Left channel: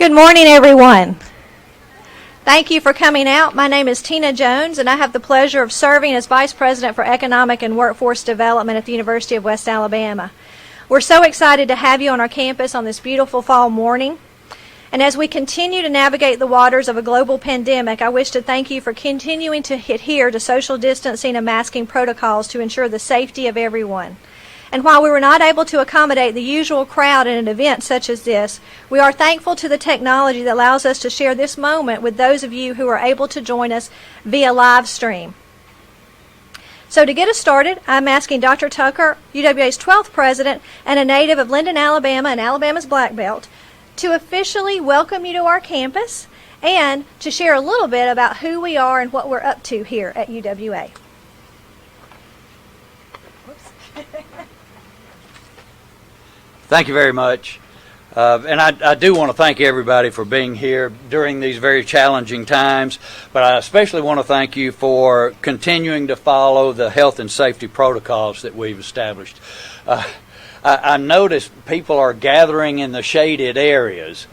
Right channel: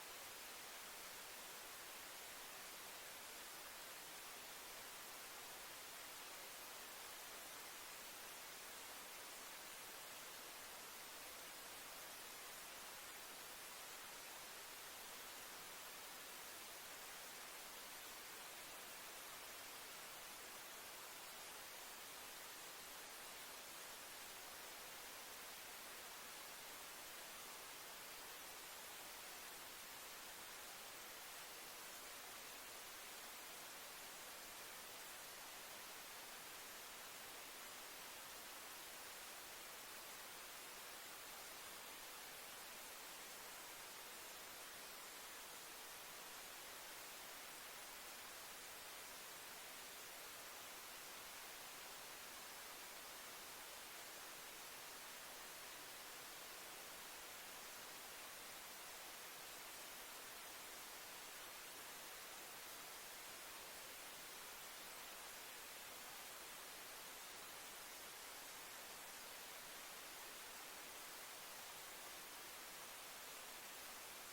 Good morning, everyone. Thank you for coming out. My name is Tina Jones, and I have the pleasure of serving as Vice President for Economic and Workforce Development at the University of West Alabama. We're so excited to have you on our campus on this beautiful fall morning. And as we continue to navigate the waters of a global pandemic, I wish to thank you for continuing to adhere to social distancing and masking protocols to ensure the safety of everyone. And while we were not able to accommodate the usual crowd in an event such as this, we are thankful to the technology that allows us to share this moment with those of you who are able to join us via live stream. So to get us started, I'm asking Dr. Tucker, UWA's 12th president and a native of Linden, Alabama and Alabama's Black Belt, to officially welcome you to our campus and to share a little bit about who we are and what we're up to here at UWA. Thank you very much. And I do want to thank everybody for being here during these very challenging times, but I especially want to thank you for continuing to follow the health and safety protocols that we've established. I noticed people are gathering in the shaded areas.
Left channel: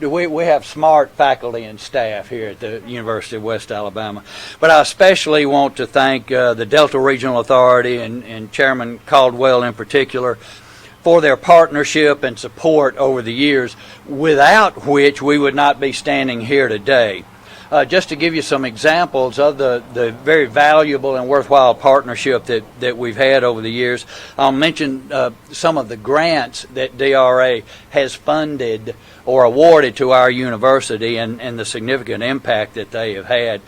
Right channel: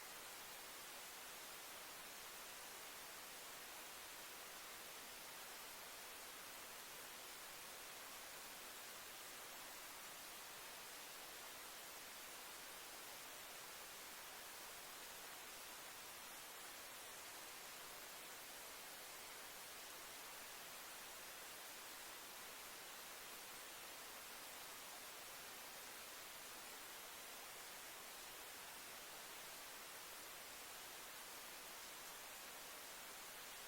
We have smart faculty and staff here at the University of West Alabama, but I especially want to thank the Delta Regional Authority and Chairman Caldwell in particular for their partnership and support over the years, without which we would not be standing here today. Just to give you some examples of the very valuable and worthwhile partnership that we've had over the years, I'll mention some of the grants that DRA has funded or awarded to our university and the significant impact that they have had.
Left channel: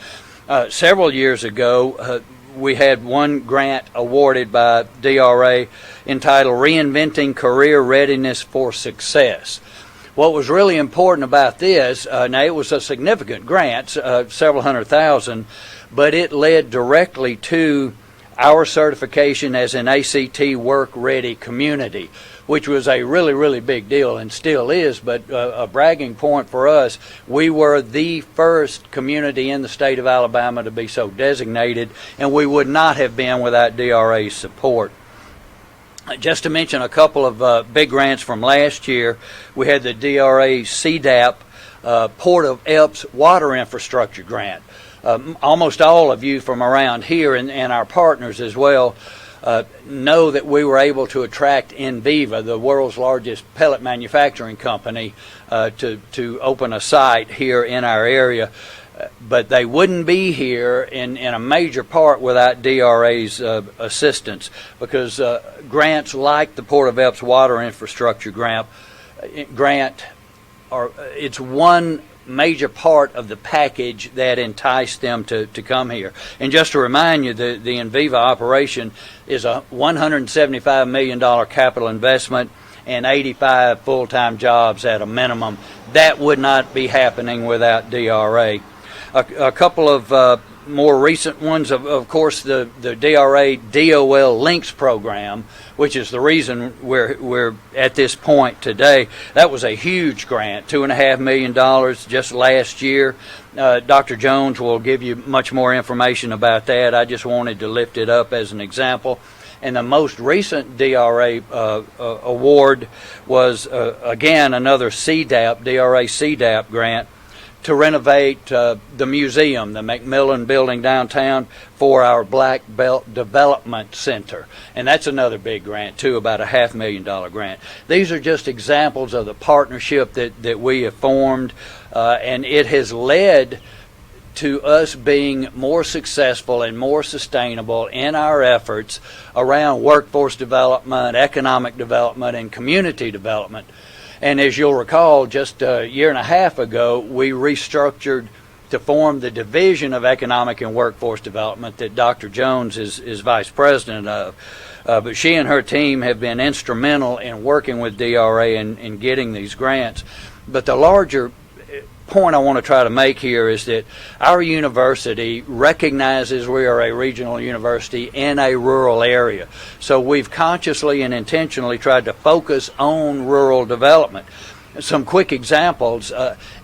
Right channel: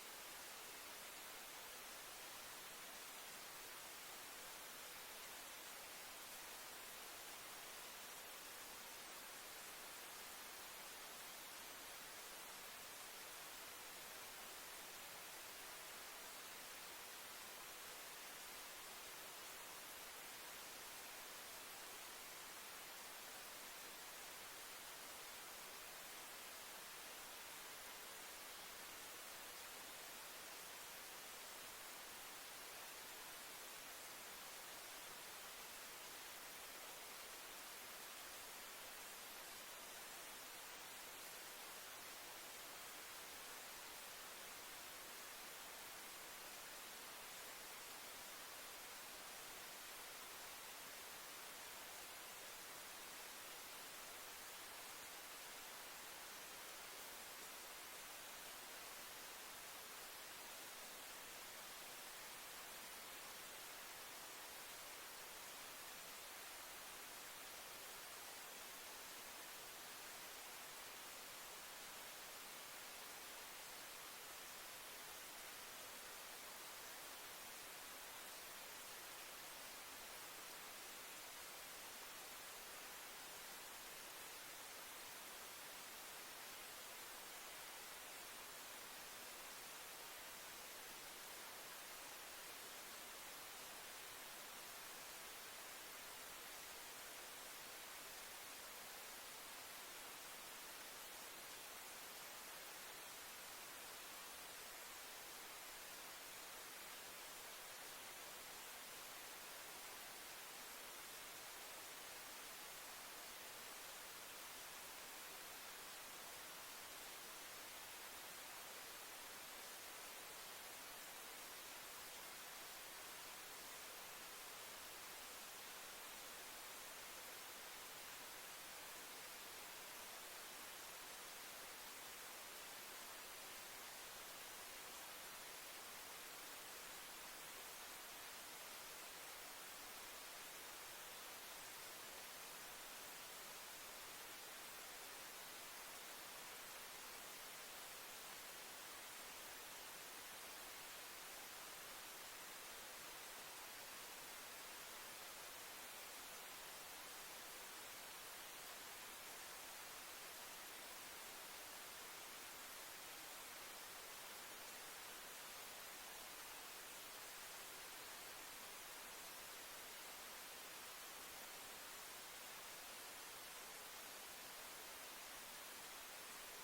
Several years ago, we had one grant awarded by DRA entitled Reinventing Career Readiness for Success. What was really important about this, now it was a significant grant, several $100,000, but it led directly to our certification as an ACT work-ready community, which was a really, really big deal and still is, but a bragging point for us. We were the first community in the state of Alabama to be so designated, and we would not have been without DRA's support. Just to mention a couple of big grants from last year, we had the DRA CDAP Port of Epps Water Infrastructure Grant. Almost all of you from around here and our partners as well know that we were able to attract Enviva, the world's largest pellet manufacturing company, to open a site here in our area. But they wouldn't be here in a major part without DRA's assistance, because grants like the Port of Epps Water Infrastructure Grant it's one major part of the package that enticed them to come here. And just to remind you, the Enviva operation is a $175 million capital investment and 85 full-time jobs at a minimum. That would not be happening without DRA. A couple of more recent ones, of course, the DRA DOL Links program, which is the reason we're at this point today. That was a huge grant, $2.5 million just last year. Dr. Jones will give you much more information about that. I just wanted to lift it up as an example. And the most recent DRA award was, again, another CDAP, DRA CDAP grant, to renovate the museum, the McMillan Building downtown, for our Black Belt Development Center. And that's another big grant, too, about a $500,000 grant. These are just examples of the partnership that we have formed, and it has led to us being more successful and more sustainable in our efforts around workforce development, economic development, and community development. And as you'll recall, just a year and a half ago, we restructured to form the Division of Economic and Workforce Development that Dr. Jones is vice president of. But she and her team have been instrumental in working with DRA in getting these grants. But the larger point I want to try to make here is that our university recognizes we are a regional university in a rural area. So we've consciously and intentionally tried to focus on rural development. Some quick examples,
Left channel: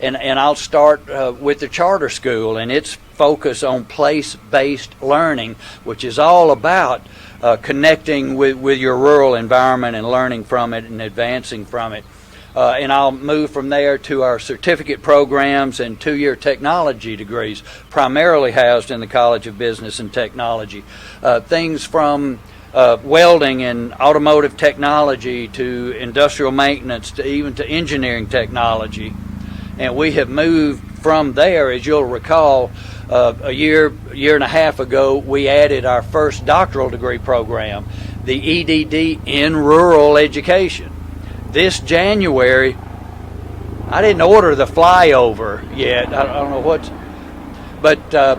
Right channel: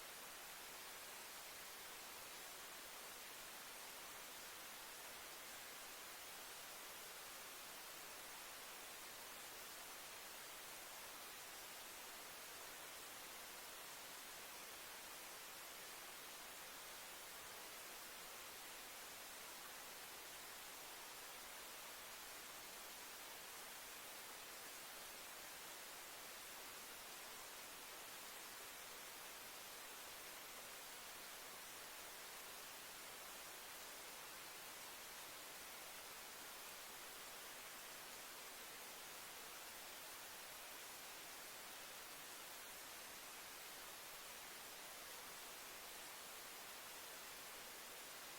and I'll start with the charter school and its focus on place-based learning, which is all about connecting with your rural environment and learning from it and advancing from it. And I'll move from there to our certificate programs and two-year technology degrees, primarily housed in the College of Business and Technology. Things from welding and automotive technology to industrial maintenance to even to engineering technology. And we have moved from there, as you'll recall, a year and a half ago, we added our first doctoral degree program, the EDD in rural education. This January, I didn't order the flyover yet. I don't know what's, but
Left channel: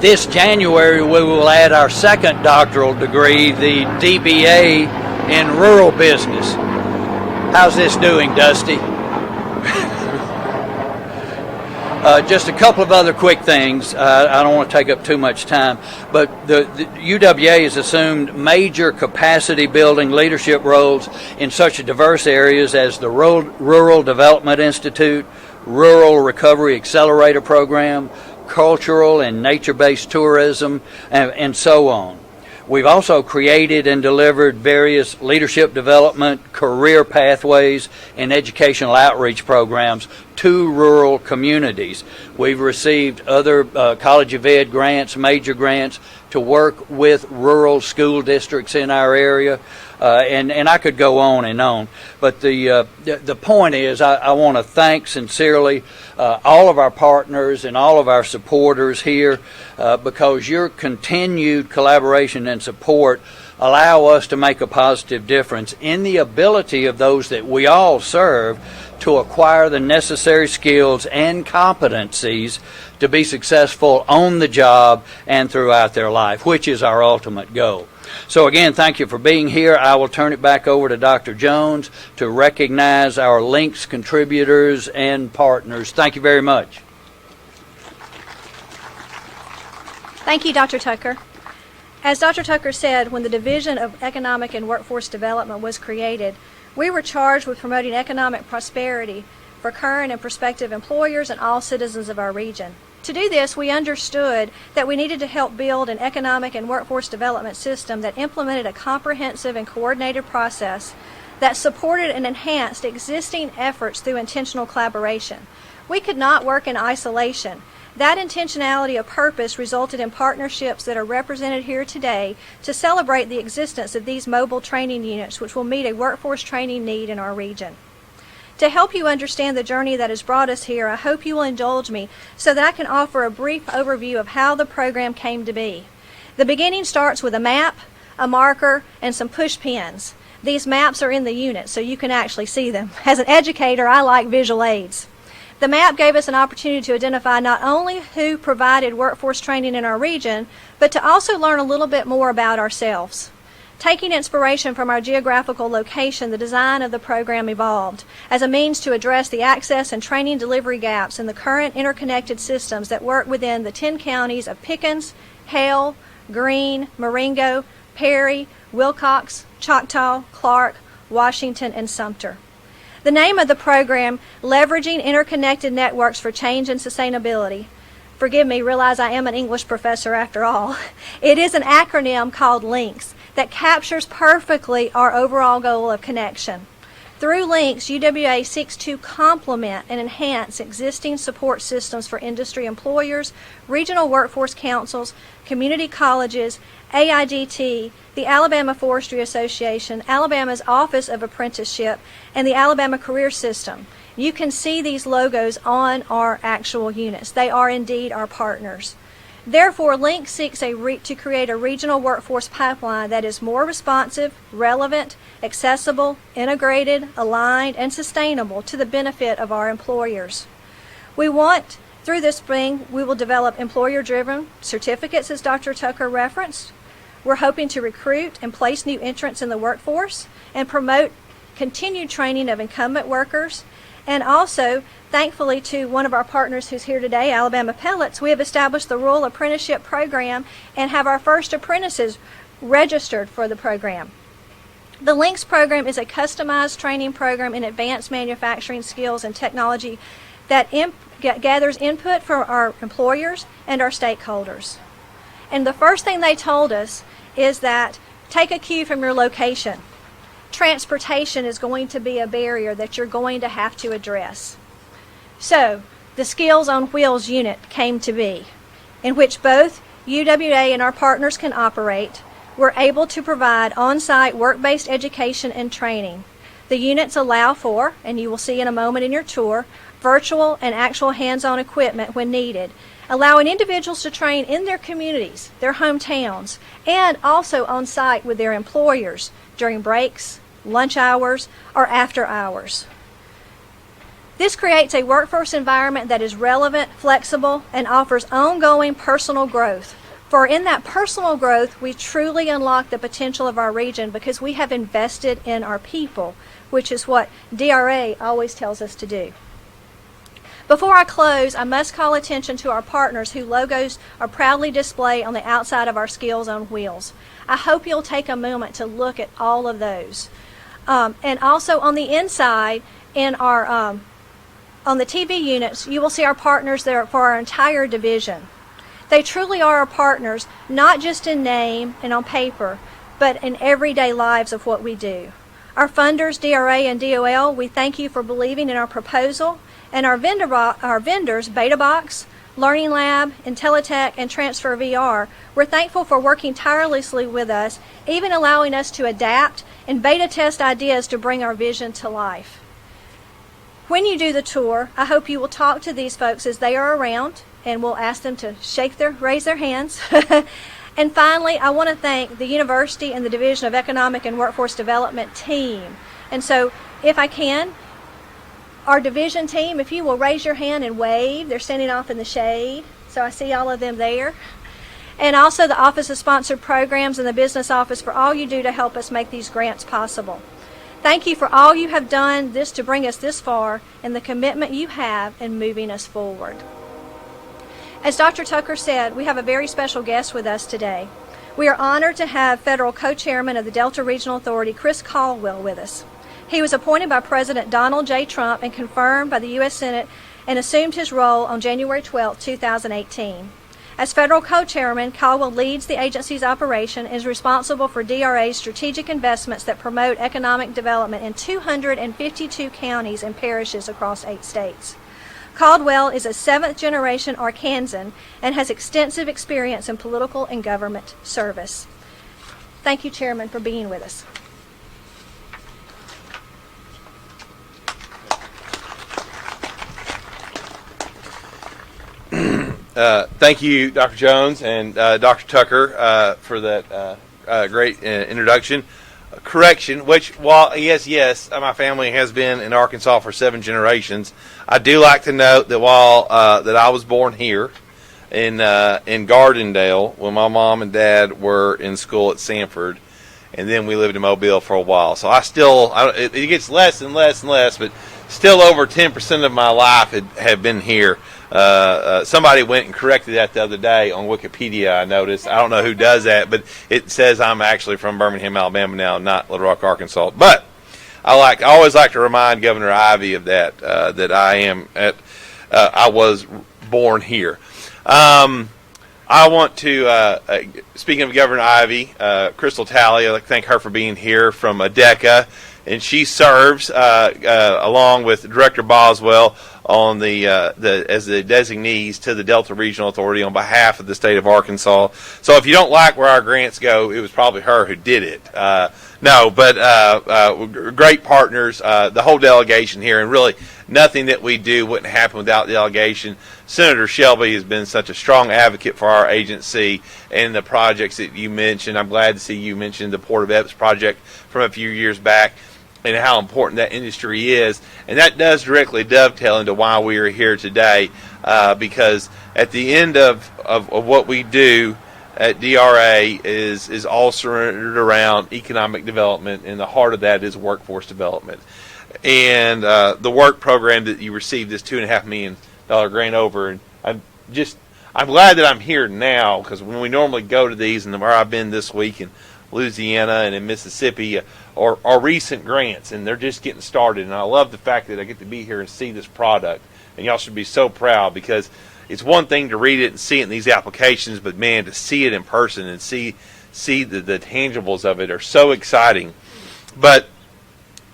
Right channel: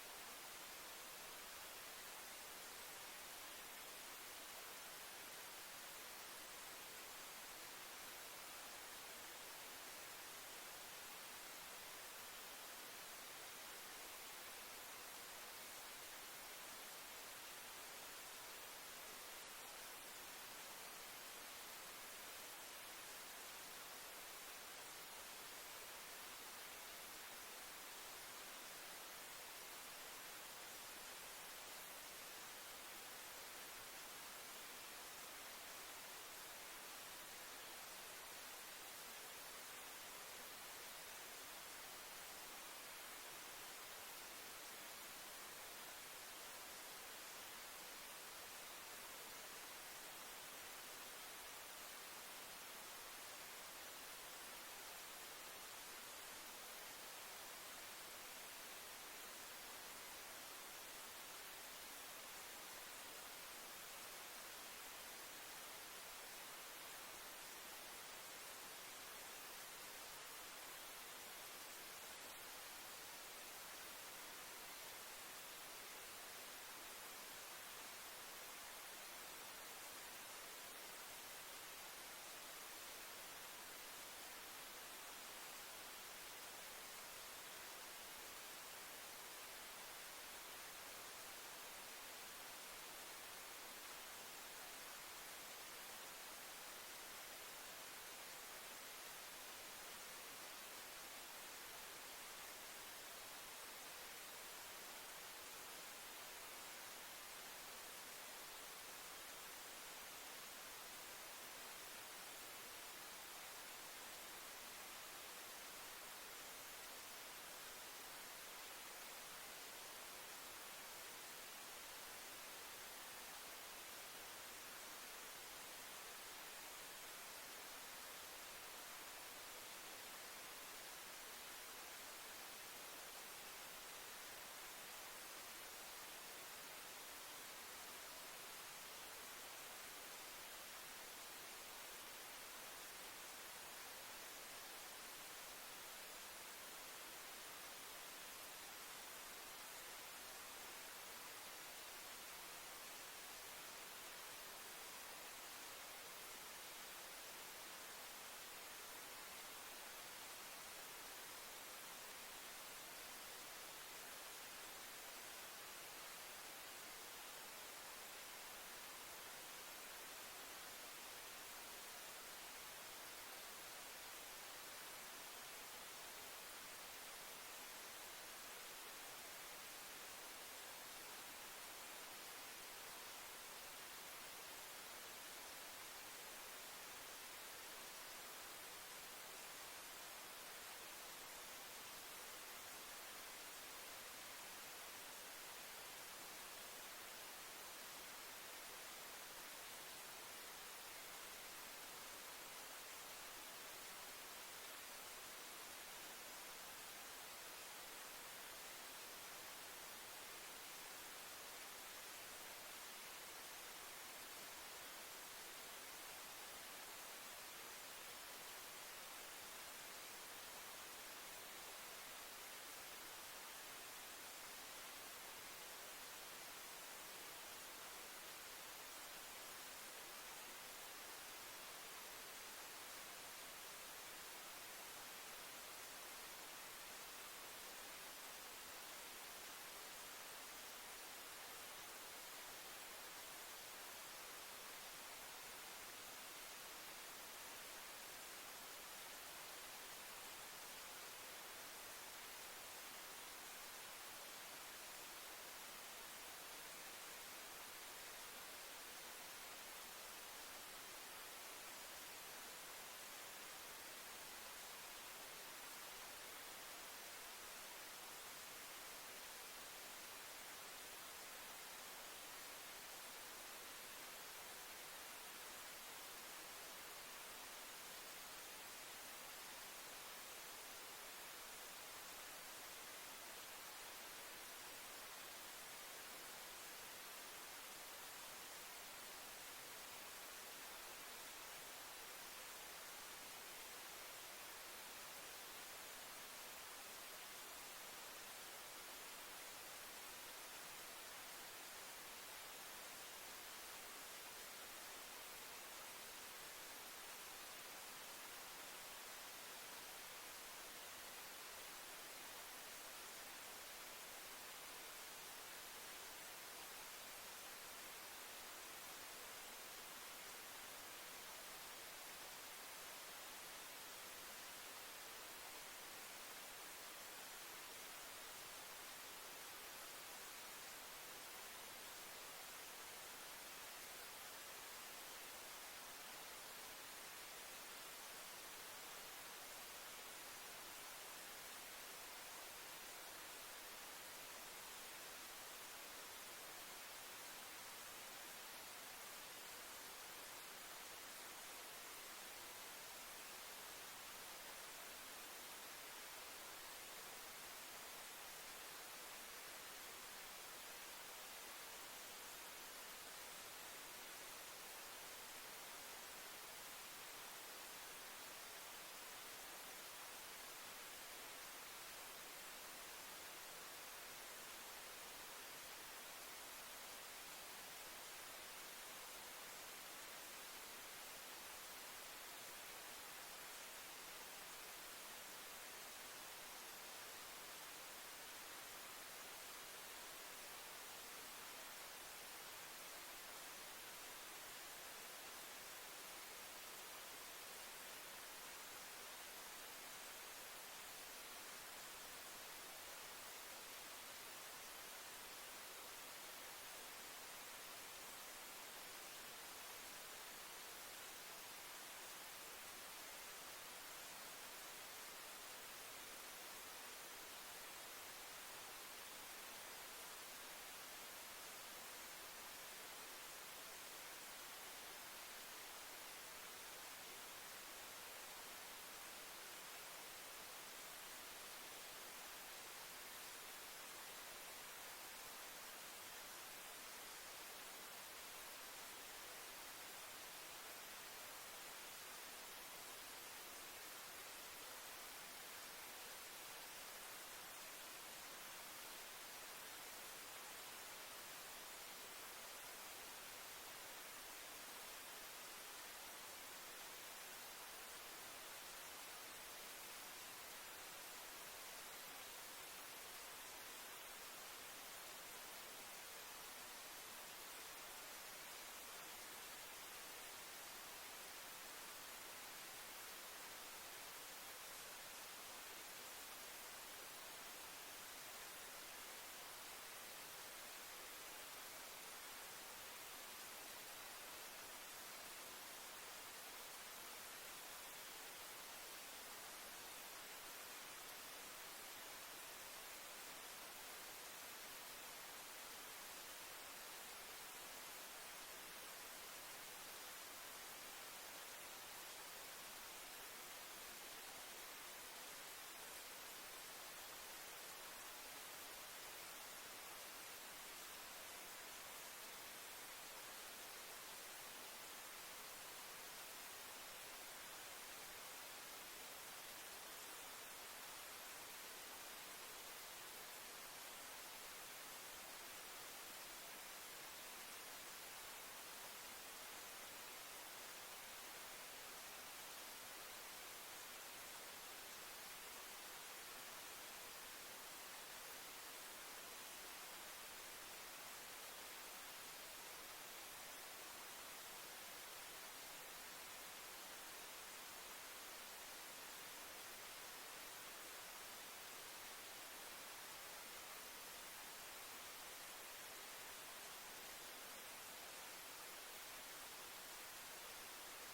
this January we will add our second doctoral degree, the DBA in rural business. How's this doing, Dusty? Just a couple of other quick things. I don't want to take up too much time, but the UWA has assumed major capacity building leadership roles in such diverse areas as the Rural Development Institute, Rural Recovery Accelerator Program, cultural and nature-based tourism, and so on. We've also created and delivered various leadership development, career pathways, and educational outreach programs to rural communities. We've received other College of Ed grants, major grants, to work with rural school districts in our area, and I could go on and on. But the point is, I want to thank sincerely all of our partners and all of our supporters here, because your continued collaboration and support allow us to make a positive difference in the ability of those that we all serve to acquire the necessary skills and competencies to be successful on the job and throughout their life, which is our ultimate goal. So again, thank you for being here. I will turn it back over to Dr. Jones to recognize our links contributors and partners. Thank you very much. Thank you, Dr. Tucker. As Dr. Tucker said, when the Division of Economic and Workforce Development was created, we were charged with promoting economic prosperity for current and prospective employers and all citizens of our region. To do this, we understood that we needed to help build an economic and workforce development system that implemented a comprehensive and coordinated process that supported and enhanced existing efforts through intentional collaboration. We could not work in isolation. That intentionality of purpose resulted in partnerships that are represented here today to celebrate the existence of these mobile training units, which will meet a workforce training need in our region. To help you understand the journey that has brought us here, I hope you will indulge me so that I can offer a brief overview of how the program came to be. The beginning starts with a map, a marker, and some push pins. These maps are in the unit, so you can actually see them. As an educator, I like visual aids. The map gave us an opportunity to identify not only who provided workforce training in our region, but to also learn a little bit more about ourselves. Taking inspiration from our geographical location, the design of the program evolved as a means to address the access and training delivery gaps in the current interconnected systems that work within the 10 counties of Pickens, Hale, Greene, Marengo, Perry, Wilcox, Choctaw, Clark, Washington, and Sumter. The name of the program, Leveraging Interconnected Networks for Change and Sustainability. Forgive me, realize I am an English professor after all. It is an acronym called LINKS that captures perfectly our overall goal of connection. Through LINKS, UWA seeks to complement and enhance existing support systems for industry employers, regional workforce councils, community colleges, AIDT, the Alabama Forestry Association, Alabama's Office of Apprenticeship, and the Alabama Career System. You can see these logos on our actual units. They are indeed our partners. Therefore, LINK seeks to create a regional workforce pipeline that is more responsive, relevant, accessible, integrated, aligned, and sustainable to the benefit of our employers. Through this spring, we will develop employer-driven certificates, as Dr. Tucker referenced. We're hoping to recruit and place new entrants in the workforce and promote continued training of incumbent workers. And also, thankfully to one of our partners who's here today, Alabama Pellets, we have established the Rural Apprenticeship Program and have our first apprentices registered for the program. The LINKS program is a customized training program in advanced manufacturing skills and technology that gathers input from our employers and our stakeholders. And the first thing they told us is that take a cue from your location. transportation is going to be a barrier that you're going to have to address. So, the Skills on Wheels unit came to be, in which both UWA and our partners can operate. We're able to provide on-site work-based education and training. The units allow for, and you will see in a moment in your tour, virtual and actual hands-on equipment when needed, allowing individuals to train in their communities, their hometowns, and also on-site with their employers during breaks, lunch hours, or after hours. This creates a workforce environment that is relevant, flexible, and offers ongoing personal growth. For in that personal growth, we truly unlock the potential of our region because we have invested in our people, which is what DRA always tells us to do. Before I close, I must call attention to our partners whose logos are proudly displayed on the outside of our Skills on Wheels. I hope you'll take a moment to look at all of those. And also on the inside, in our on the TV units, you will see our partners there for our entire division. They truly are our partners, not just in name and on paper, but in everyday lives of what we do. Our funders, DRA and DOL, we thank you for believing in our proposal, and our vendors, Beta Box, Learning Lab, IntelliTech, and Transfer VR, we're thankful for working tirelessly with us, even allowing us to adapt and beta test ideas to bring our vision to life. When you do the tour, I hope you will talk to these folks as they are around, and we'll ask them to raise their hands. And finally, I want to thank the university and the Division of Economic and Workforce Development team. And so, if I can, our division team, if you will raise your hand and wave, they're standing off in the shade, so I see all of them there. And also the Office of Sponsored Programs and the Business Office for all you do to help us make these grants possible. Thank you for all you have done to bring us this far and the commitment you have in moving us forward. As Dr. Tucker said, we have a very special guest with us today. We are honored to have Federal Co-Chairman of the Delta Regional Authority, Chris Caldwell, with us. He was appointed by President Donald J. Trump and confirmed by the U.S. Senate and assumed his role on January 12, 2018. As Federal Co-Chairman, Caldwell leads the agency's operation and is responsible for DRA's strategic investments that promote economic development in 252 counties and parishes across 8 states. Caldwell is a 7th-generation Arkansan and has extensive experience in political and government service. Thank you, Chairman, for being with us. Thank you, Dr. Jones and Dr. Tucker, for that great introduction. Correction, which, while yes, my family has been in Arkansas for 7 generations, I do like to note that while that I was born here in Gardendale when my mom and dad were in school at Sanford, and then we lived in Mobile for a while. So it gets less and less and less, but still over 10% of my life had been here. Somebody went and corrected that the other day on Wikipedia, I noticed. I don't know who does that, but it says I'm actually from Birmingham, Alabama now, not Little Rock, Arkansas. But I always like to remind Governor Ivey of that, that I was born here. I want to, speaking of Governor Ivey, Crystal Talley, I'd like to thank her for being here from ADECA, and she serves along with Director Boswell on as the designees to the Delta Regional Authority on behalf of the state of Arkansas. So if you don't like where our grants go, it was probably her who did it. Great partners, the whole delegation here, and really nothing that we do wouldn't happen without the delegation. Senator Shelby has been such a strong advocate for our agency and the projects that you mentioned. I'm glad to see you mention the Port of Epps project from a few years back and how important that industry is. And that does directly dovetail into why we are here today, because at the end of what we do at DRA is all centered around economic development, and the heart of that is workforce development. And the work program that you received this $2.5 million grant over, and I'm glad that I'm here now, because when we normally go to these, and where I've been this week in Louisiana and in Mississippi, are recent grants, and they're just getting started. And I love the fact that I get to be here and see this product, and y'all should be so proud, because it's one thing to read it and see it in these applications, but man, to see it in person and see the tangibles of it are so exciting. But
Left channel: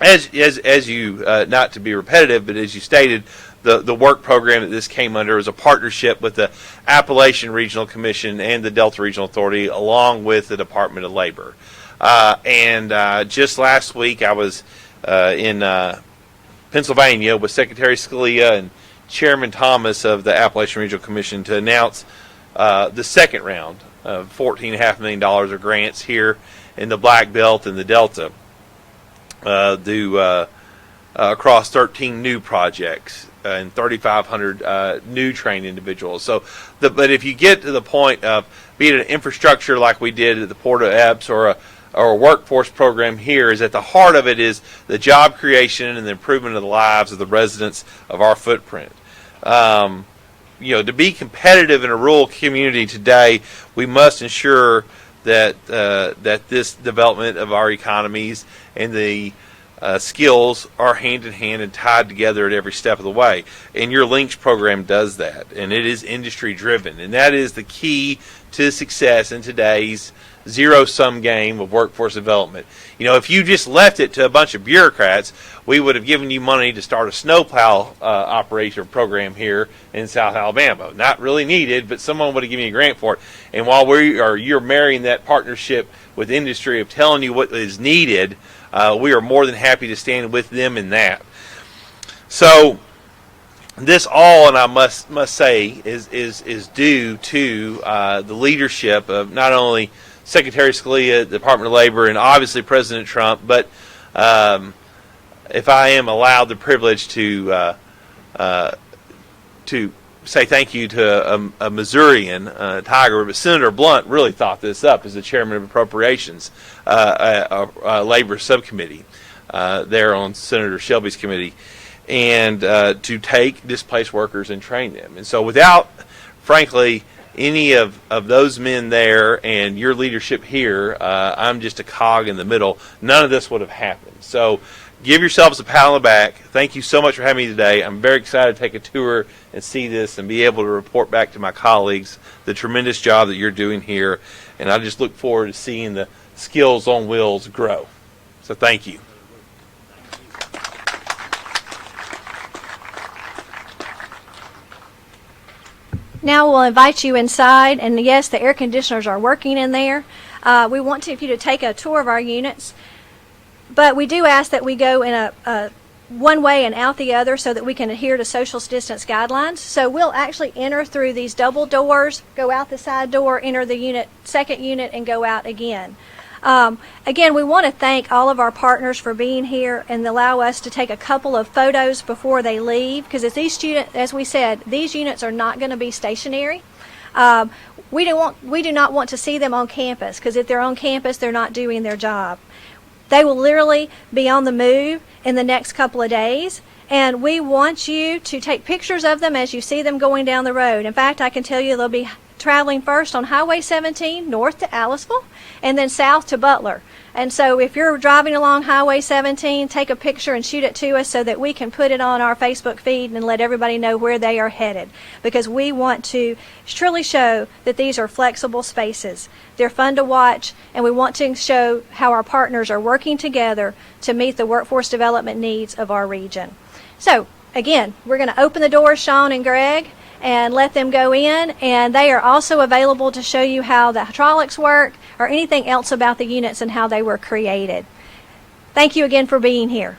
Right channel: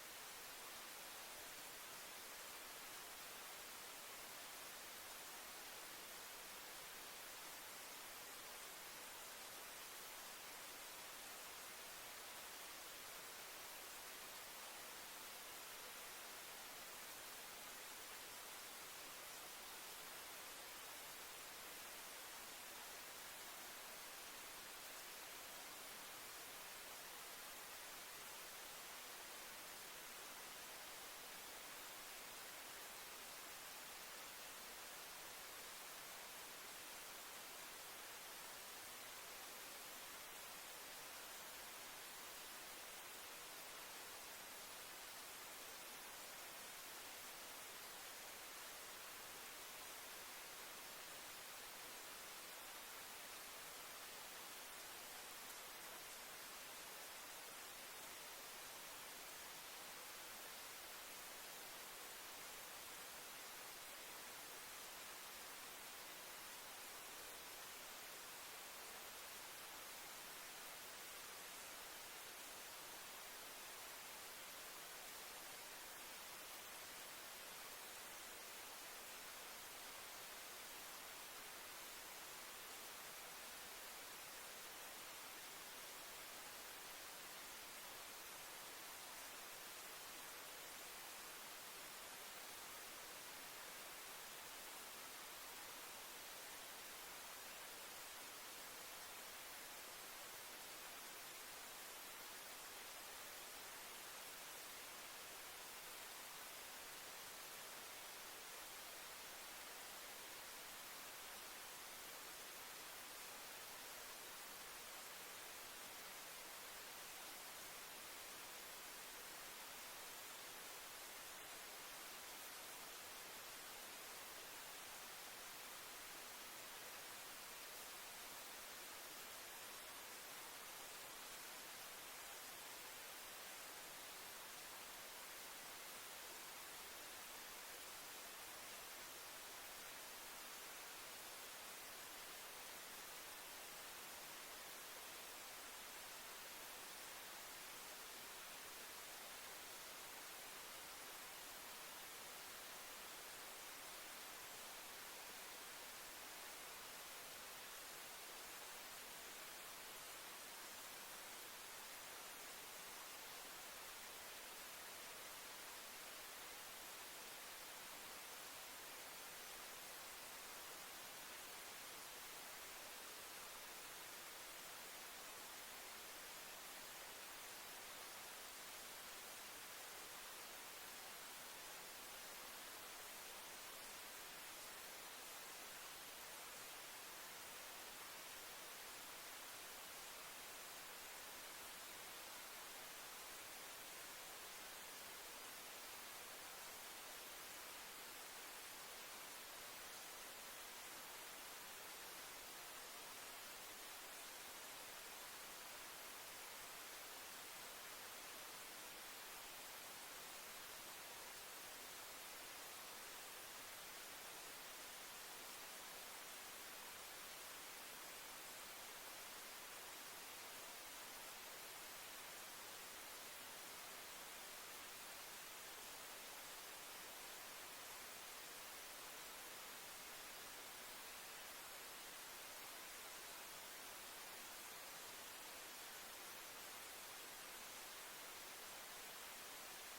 as you not to be repetitive, but as you stated, the work program that this came under was a partnership with the Appalachian Regional Commission and the Delta Regional Authority, along with the Department of Labor. And just last week, I was in Pennsylvania with Secretary Scalia and Chairman Thomas of the Appalachian Regional Commission to announce the second round of $14.5 million of grants here in the Black Belt and the Delta across 13 new projects and 3,500 new trained individuals. So, but if you get to the point of be it an infrastructure like we did at the Port of Epps or a workforce program here, is at the heart of it is the job creation and the improvement of the lives of the residents of our footprint. To be competitive in a rural community today, we must ensure that this development of our economies and the skills are hand in hand and tied together at every step of the way. And your Links program does that, and it is industry driven, and that is the key to success in today's zero-sum game of workforce development. If you just left it to a bunch of bureaucrats, we would have given you money to start a snowplow operation program here in South Alabama. Not really needed, but someone would have given you a grant for it. And while you're marrying that partnership with industry of telling you what is needed, we are more than happy to stand with them in that. So this all, and I must say, is due to the leadership of not only Secretary Scalia, the Department of Labor, and obviously President Trump, but if I am allowed the privilege to say thank you to a Missourian, Tiger, but Senator Blunt really thought this up as the chairman of Appropriations, Labor Subcommittee there on Senator Shelby's committee, and to take displaced workers and train them. And so without, frankly, any of those men there and your leadership here, I'm just a cog in the middle. None of this would have happened. So give yourselves a pat on the back. Thank you so much for having me today. I'm very excited to take a tour and see this and be able to report back to my colleagues the tremendous job that you're doing here. And I just look forward to seeing the skills on wheels grow. So thank you. Now we'll invite you inside, and yes, the air conditioners are working in there. We want you to take a tour of our units, but we do ask that we go in a one way and out the other so that we can adhere to social distance guidelines. So we'll actually enter through these double doors, go out the side door, enter the second unit, and go out again. Again, we want to thank all of our partners for being here and allow us to take a couple of photos before they leave, because as we said, these units are not going to be stationary. We do not want to see them on campus, because if they're on campus, they're not doing their job. They will literally be on the move in the next couple of days, and we want you to take pictures of them as you see them going down the road. In fact, I can tell you they'll be traveling first on Highway 17 north to Aliceville and then south to Butler. And so if you're driving along Highway 17, take a picture and shoot it to us so that we can put it on our Facebook feed and let everybody know where they are headed, because we want to truly show that these are flexible spaces. They're fun to watch, and we want to show how our partners are working together to meet the workforce development needs of our region. So again, we're going to open the doors, Sean and Greg, and let them go in, and they are also available to show you how the hydraulics work or anything else about the units and how they were created. Thank you again for being here.